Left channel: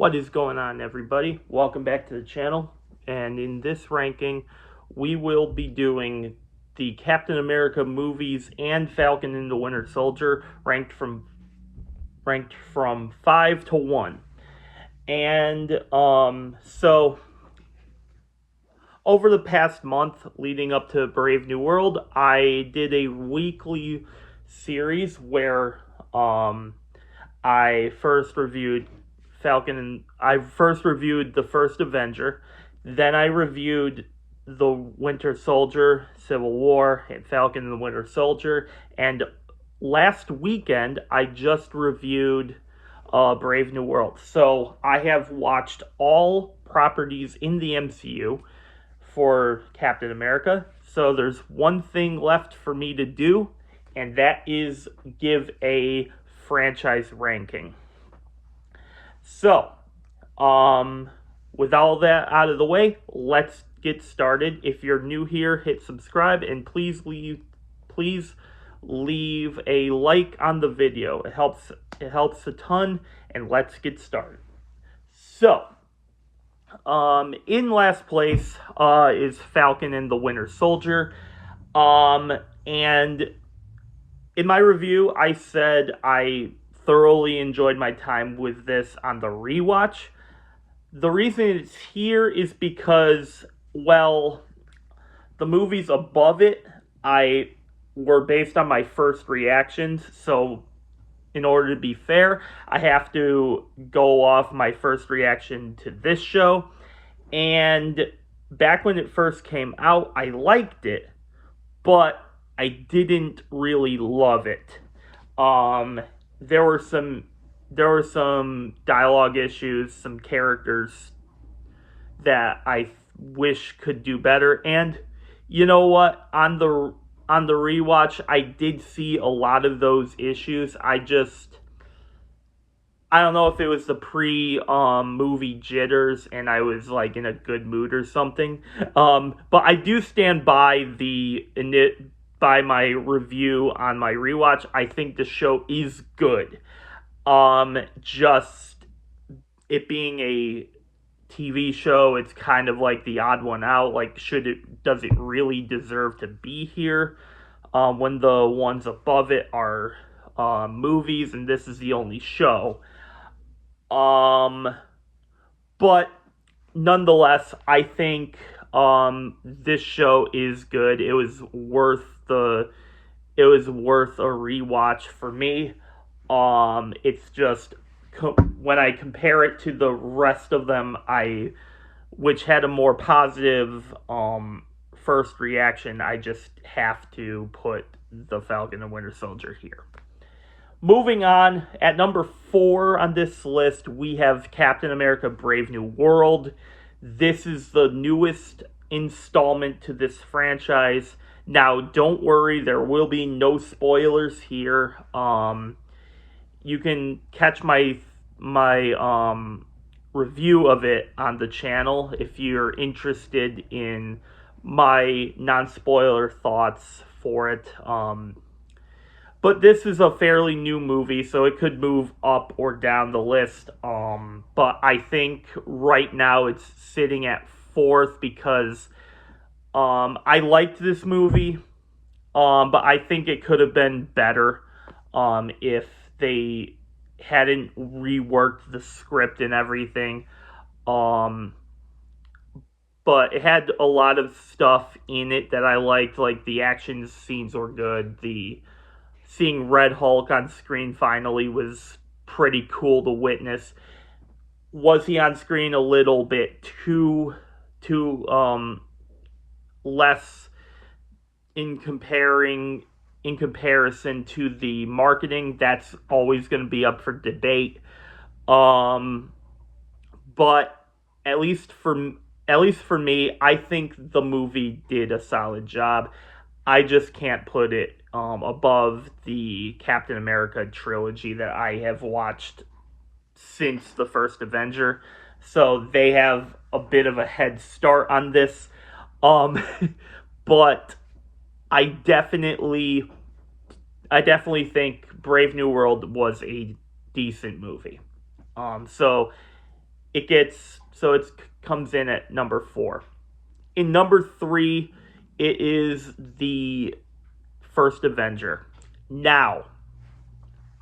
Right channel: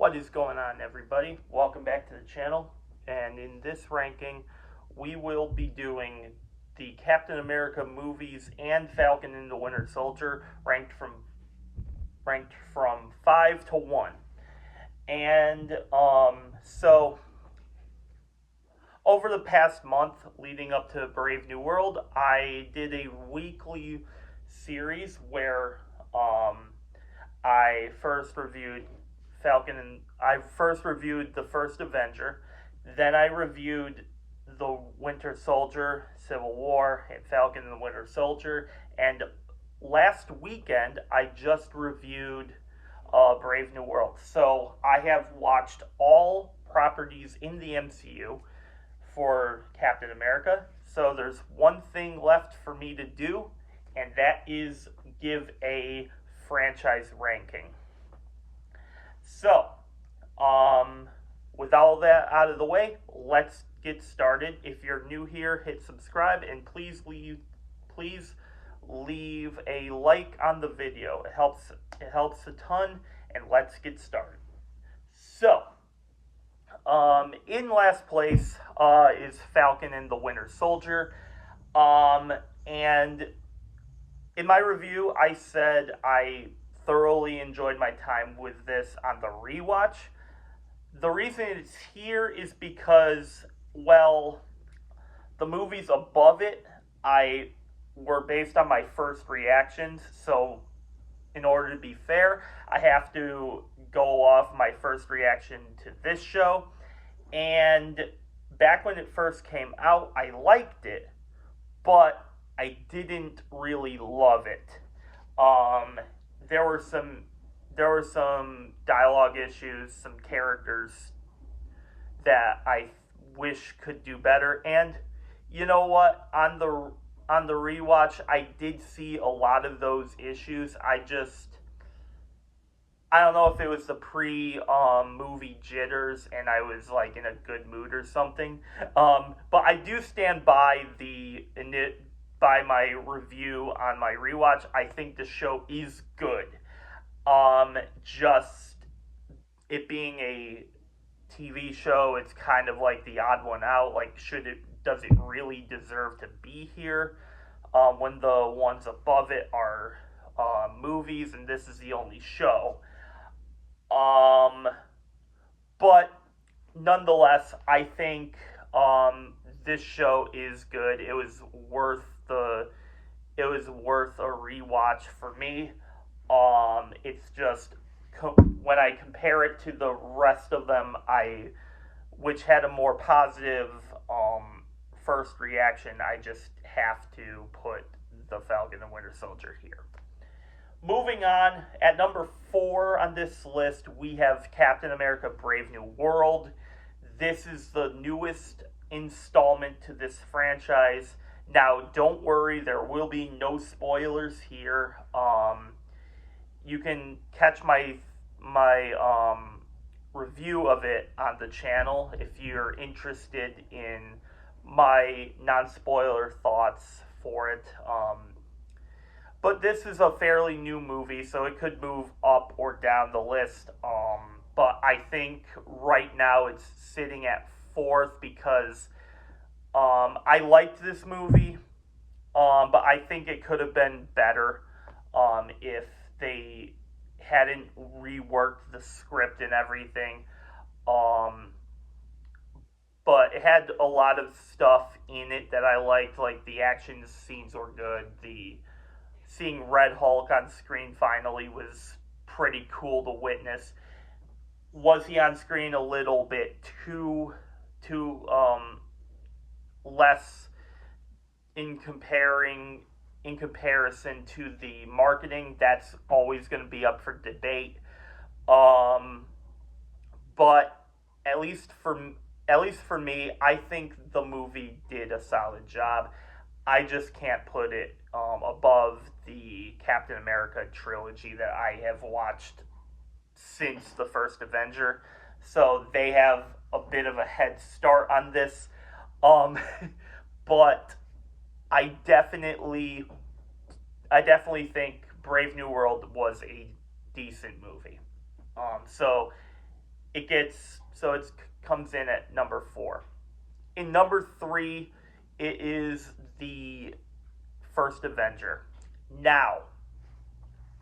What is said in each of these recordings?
What is going on, everybody? Welcome back to the channel. And in this ranking, we will be doing the Captain America movies and Falcon and the Winter Soldier ranked from 5 to 1. And so over the past month leading up to Brave New World, I did a weekly series where I first reviewed the first Avenger, then I reviewed the Winter Soldier, Civil War, and Falcon and the Winter Soldier, and last weekend I just reviewed Brave New World. So I have watched all properties in the MCU for Captain America. So there's one thing left for me to do, and that is give a franchise ranking. So, with all that out of the way, let's get started. If you're new here, hit subscribe and please leave a like on the video. It helps a ton, and let's get started. So, in last place is Falcon and the Winter Soldier. And in my review, I said I thoroughly enjoyed my time with this on the rewatch. The reason it's here is because, well, the movies above it were based on my first reactions, so in order to be fair, I have to go off my first reaction to this show. And back when it first came out, I liked it, but I didn't really love it. There were some dialogue issues, some characters that I wish could do better. And you know what? On the rewatch, I did see a lot of those issues. I don't know if it was the movie jitters and I was like in a good mood or something. But I do stand by by my review on my rewatch. I think the show is good. Just it being a TV show, it's kind of like the odd one out. Like, does it really deserve to be here? When the ones above it are movies and this is the only show. But nonetheless, I think this show is good. It was worth a rewatch for me. It's just when I compare it to the rest of them, which had a more positive first reaction, I just have to put the Falcon and Winter Soldier here. Moving on, at number 4 on this list, we have Captain America Brave New World. This is the newest installment to this franchise. Now, don't worry, there will be no spoilers here. You can catch my review of it on the channel if you're interested in my non-spoiler thoughts for it. But this is a fairly new movie, so it could move up or down the list. But I think right now it's sitting at 4th because I liked this movie, but I think it could have been better if they hadn't reworked the script and everything. But it had a lot of stuff in it that I liked, like the action scenes were good. Seeing Red Hulk on screen finally was pretty cool to witness. Was he on screen a little bit too less in comparison to the marketing? That's always going to be up for debate. But at least for me, I think the movie did a solid job. I just can't put it above the Captain America trilogy that I have watched since the first Avenger. So they have a bit of a head start on this. But I definitely think Brave New World was a decent movie. So it comes in at number 4. In number 3, it is the first Avenger. Now,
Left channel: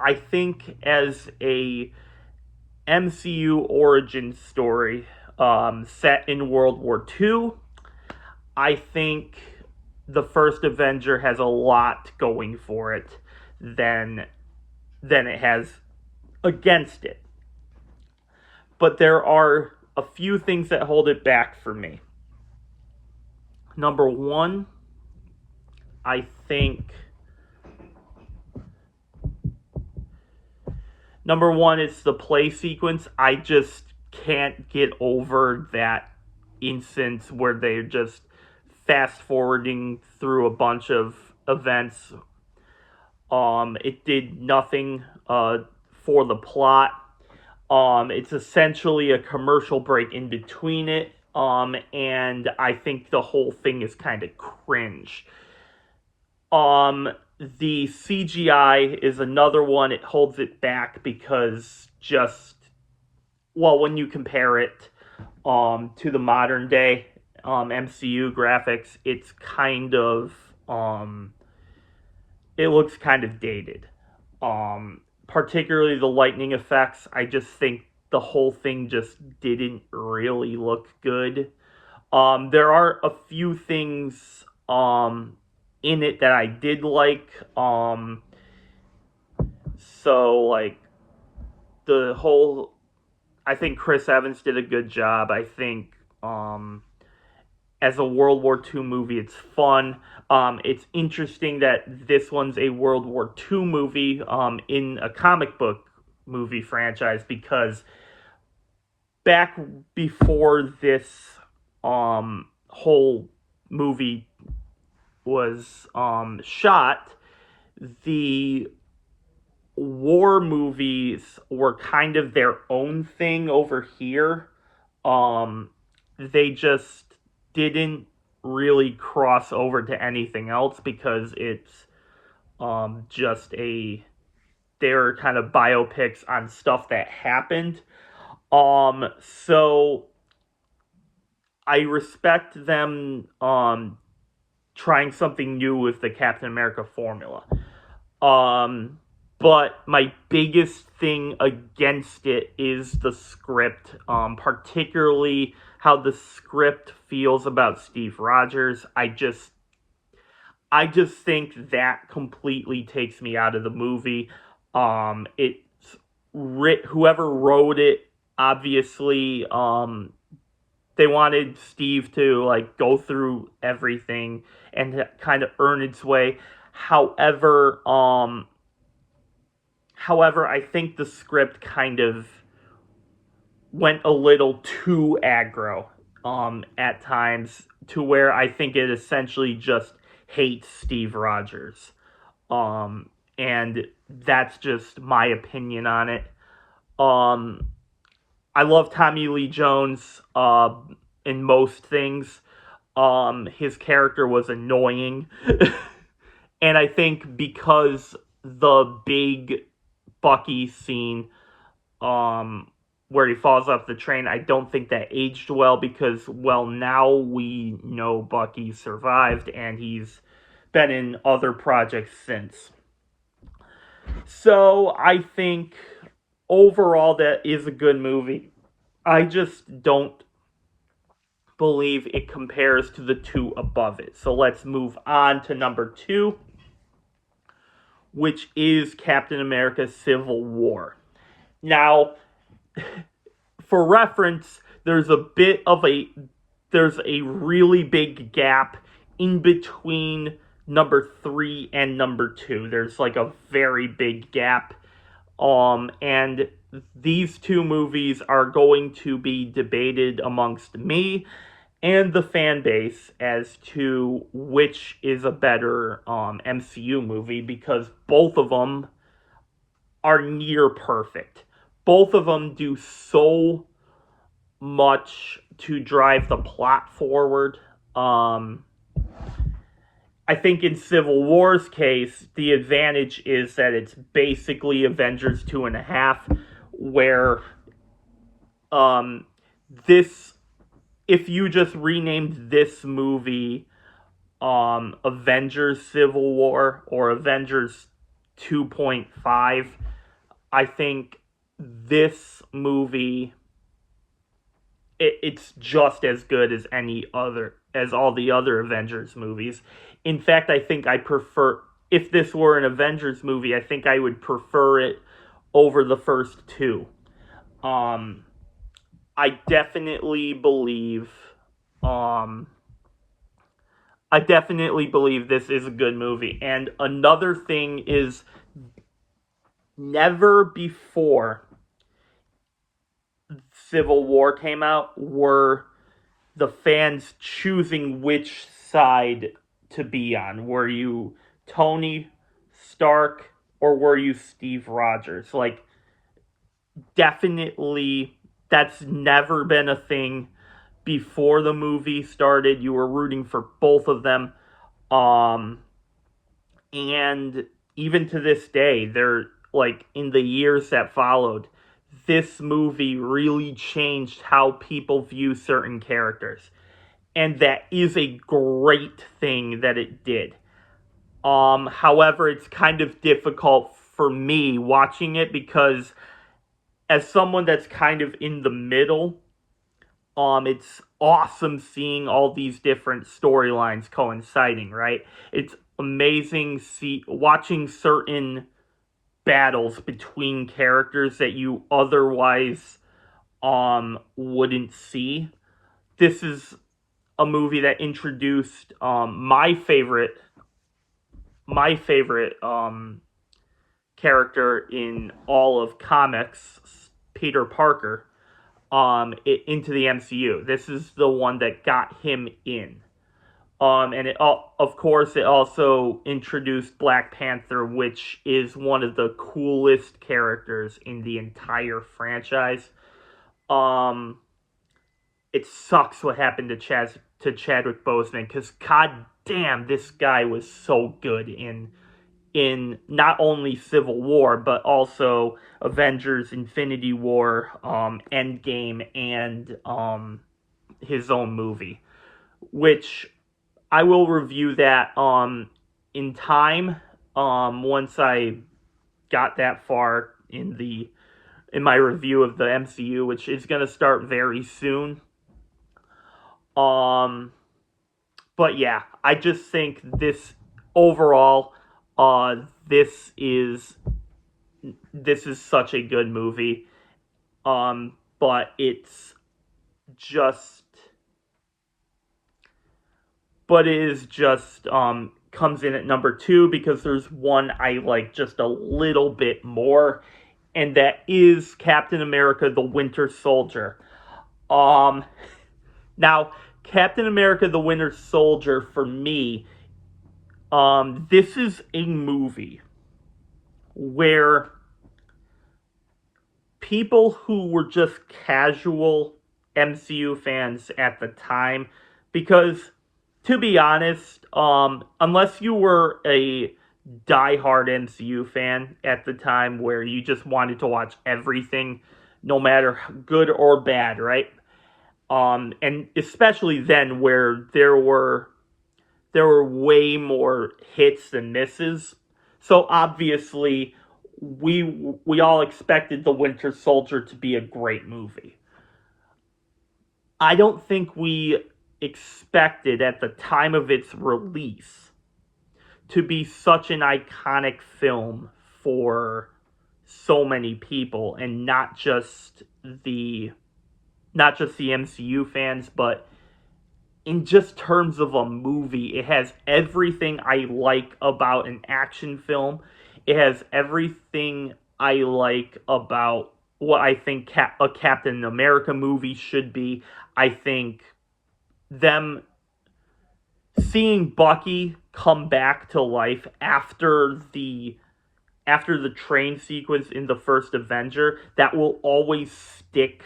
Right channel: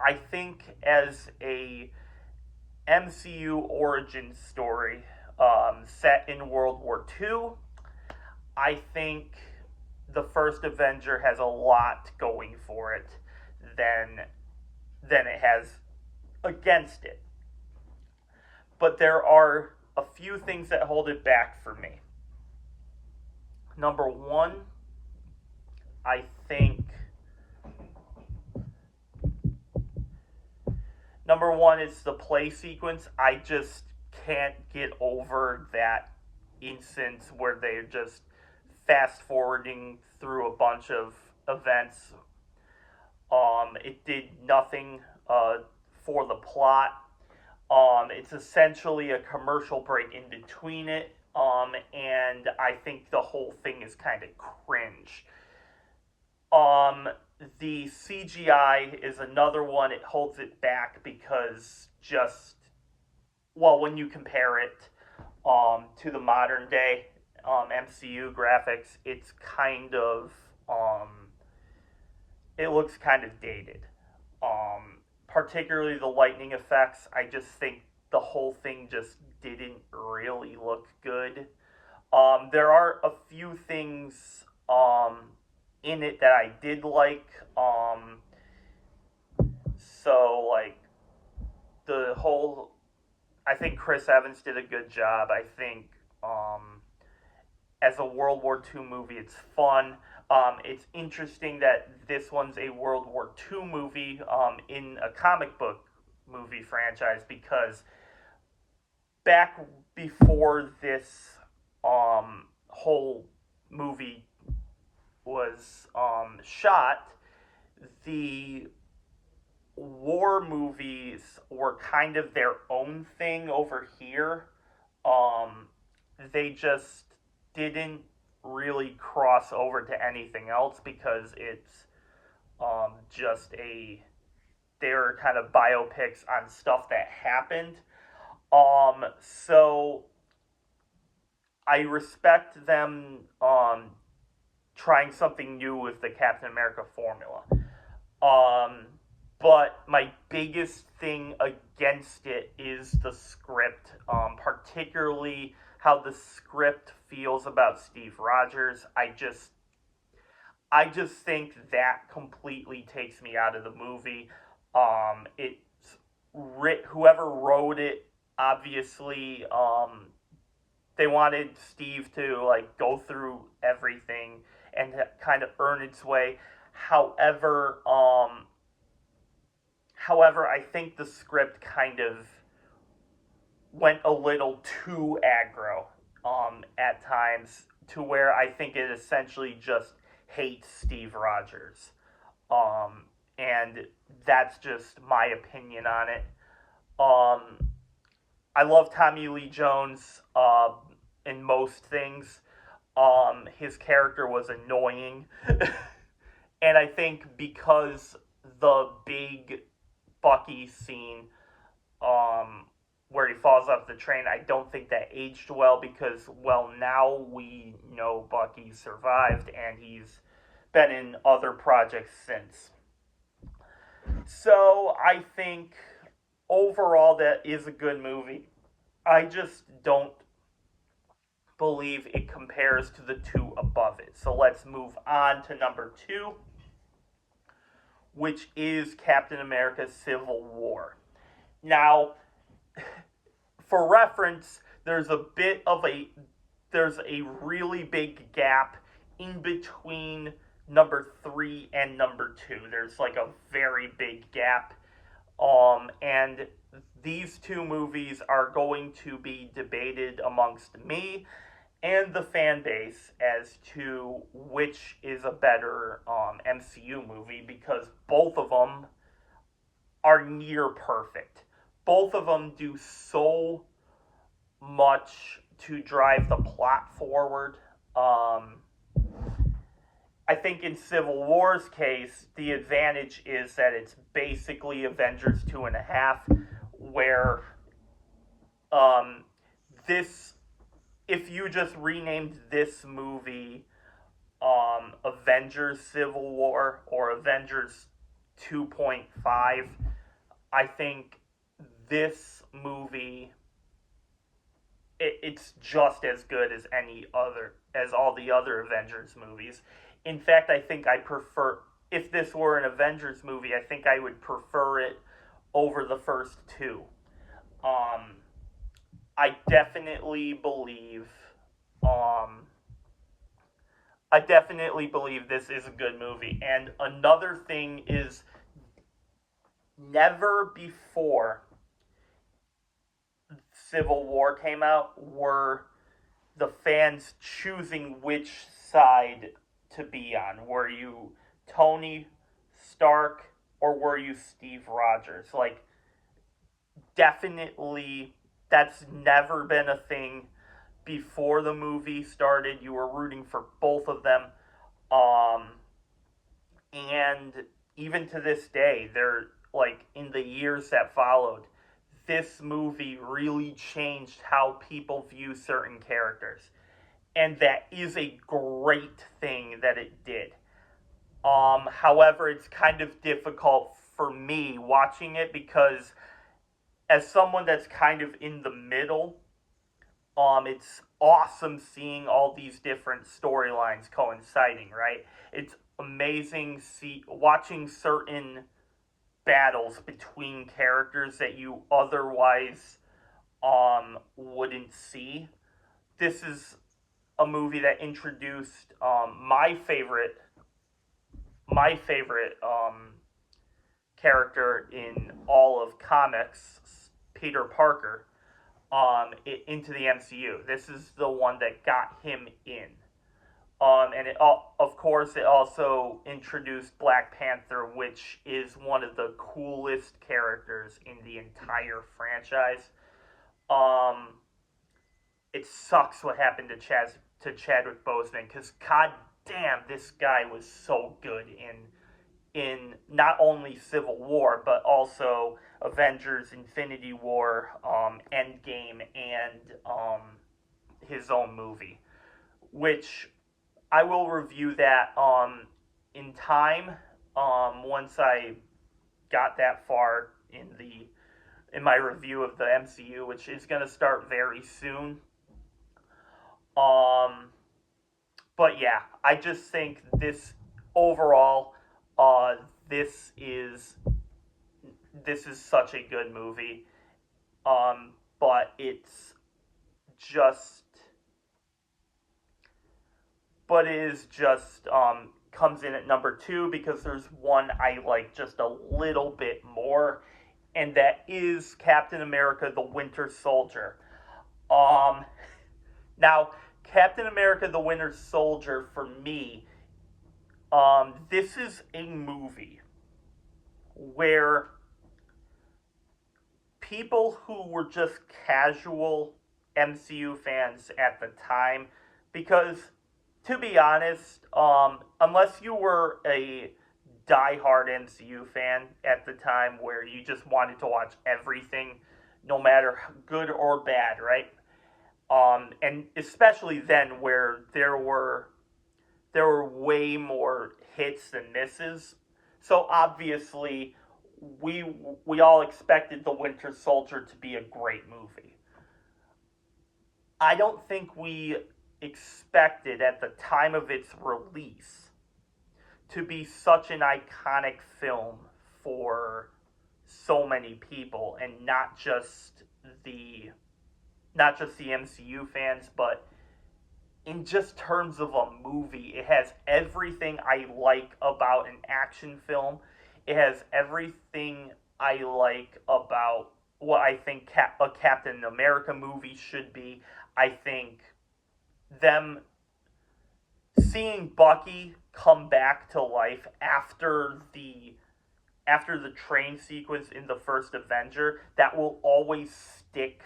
I think as a MCU origin story set in World War II, I think the first Avenger has a lot going for it than it has against it. But there are a few things that hold it back for me. Number 1, I think it's the play sequence. I just can't get over that instance where they're just fast forwarding through a bunch of events. It did nothing for the plot. It's essentially a commercial break in between it. And I think the whole thing is kind of cringe. The CGI is another one. It holds it back because when you compare it to the modern day MCU graphics, it's kind of it looks kind of dated. Particularly the lightning effects. I just think the whole thing just didn't really look good. There are a few things in it that I did like. So like the whole, I think Chris Evans did a good job. I think as a World War II movie, it's fun. It's interesting that this one's a World War II movie in a comic book movie franchise, because back before this whole movie was shot, the war movies were kind of their own thing over here. They just didn't really cross over to anything else because it's they're kind of biopics on stuff that happened. So I respect them trying something new with the Captain America formula. But my biggest thing against it is the script, particularly how the script feels about Steve Rogers. I just think that completely takes me out of the movie. Whoever wrote it, obviously, they wanted Steve to like go through everything and to kind of earn its way. However, I think the script kind of went a little too aggro at times, to where I think it essentially just hates Steve Rogers. And that's just my opinion on it. I love Tommy Lee Jones in most things. His character was annoying. And I think because the big Bucky scene where he falls off the train, I don't think that aged well, because, well, now we know Bucky survived and he's been in other projects since. So I think overall that is a good movie. I just don't believe it compares to the two above it. So let's move on to number 2, which is Captain America Civil War. Now, for reference, there's a really big gap in between number 3 and number 2. There's like a very big gap. And these two movies are going to be debated amongst me and the fan base as to which is a better MCU movie, because both of them are near perfect. Both of them do so much to drive the plot forward. I think in Civil War's case, the advantage is that it's basically Avengers 2.5, where Um, this if you just renamed this movie Avengers Civil War or Avengers 2.5, I think this movie it's just as good as any other as all the other Avengers movies. In fact, I think I prefer if this were an Avengers movie, I think I would prefer it over the first two. Um, I definitely believe, um, I definitely believe this is a good movie. And another thing is, never before Civil War came out were the fans choosing which side to be on. Were you Tony Stark or were you Steve Rogers? Like, definitely, that's never been a thing before the movie started. You were rooting for both of them. Um, and even to this day, they're like in the years that followed, this movie really changed how people view certain characters. And that is a great thing that it did. However, it's kind of difficult for me watching it because as someone that's kind of in the middle, it's awesome seeing all these different storylines coinciding, right? It's amazing watching certain battles between characters that you otherwise wouldn't see. This is a movie that introduced my favorite character in all of comics, Peter Parker, into the MCU. This is the one that got him in. And of course, it also introduced Black Panther, which is one of the coolest characters in the entire franchise. Um, it sucks what happened to Chadwick Boseman because god damn, this guy was so good in not only Civil War but also Avengers: Infinity War, Endgame, and his own movie, which I will review that in time once I got that far in my review of the MCU, which is going to start very soon. Um, but yeah, I just think this overall, uh, this is this is such a good movie. But it's just, but it is just comes in at number two because there's one I like just a little bit more, and that is Captain America: The Winter Soldier. Um, Now, Captain America: The Winter Soldier, for me, this is a movie where people who were just casual MCU fans at the time, because to be honest, unless you were a diehard MCU fan at the time where you just wanted to watch everything, no matter good or bad, right? And especially then where there were way more hits than misses. So obviously, we all expected The Winter Soldier to be a great movie. I don't think we expected at the time of its release to be such an iconic film for so many people, and the not just the MCU fans, but in just terms of a movie, it has everything I like about an action film. It has everything I like about what I think a Captain America movie should be. I think them seeing Bucky come back to life after the train sequence in the first Avenger, that will always stick,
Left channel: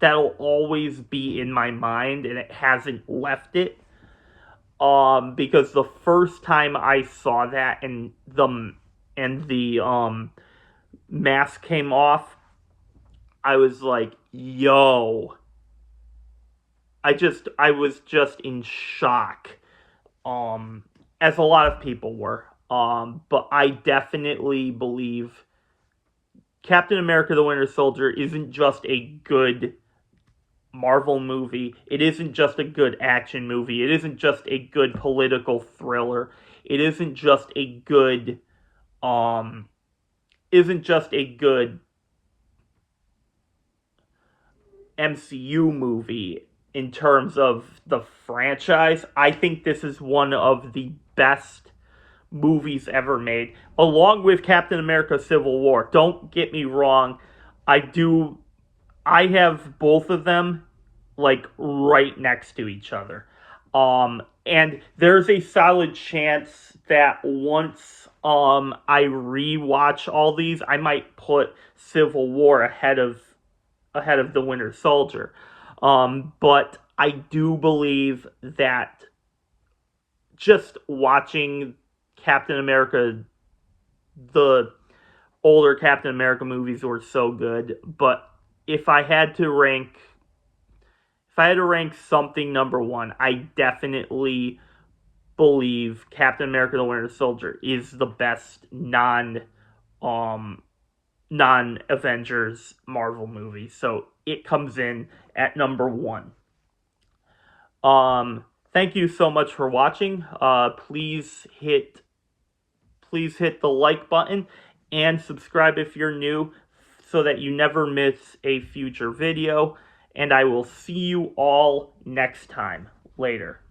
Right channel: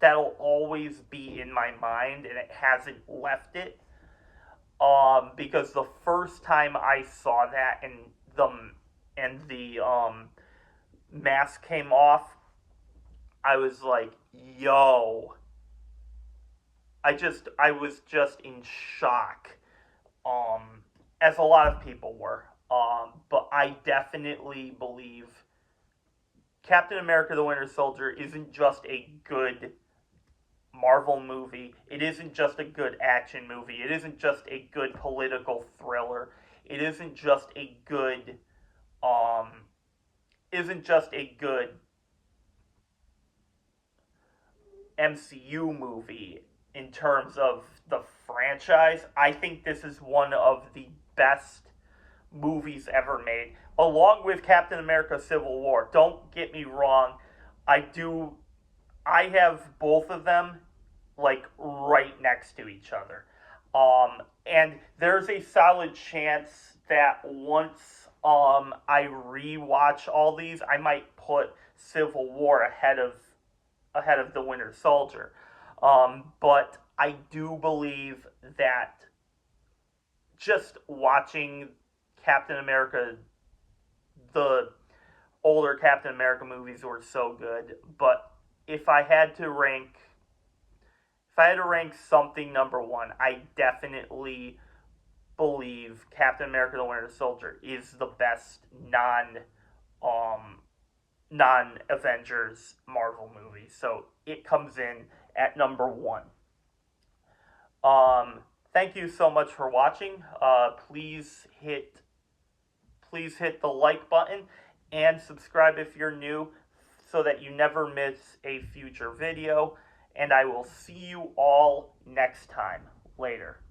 that'll always be in my mind, and it hasn't left it. Because the first time I saw that and the mask came off, I was like, yo, I was just in shock. Um, as a lot of people were. But I definitely believe Captain America: The Winter Soldier isn't just a good Marvel movie. It isn't just a good action movie. It isn't just a good political thriller. It um isn't just a good MCU movie in terms of the franchise. I think this is one of the best movies ever made, along with Captain America Civil War. Don't get me wrong, I do I have both of them like right next to each other. And there's a solid chance that once I rewatch all these, I might put Civil War ahead of the Winter Soldier. But I do believe that just watching Captain America, the older Captain America movies were so good. But if I had to rank, if I had to rank something number one, I definitely believe Captain America: The Winter Soldier is the best um non Avengers Marvel movie. So it comes in at number one. Thank you so much for watching. Please hit the like button and subscribe if you're new so that you never miss a future video. And I will see you all next time. Later.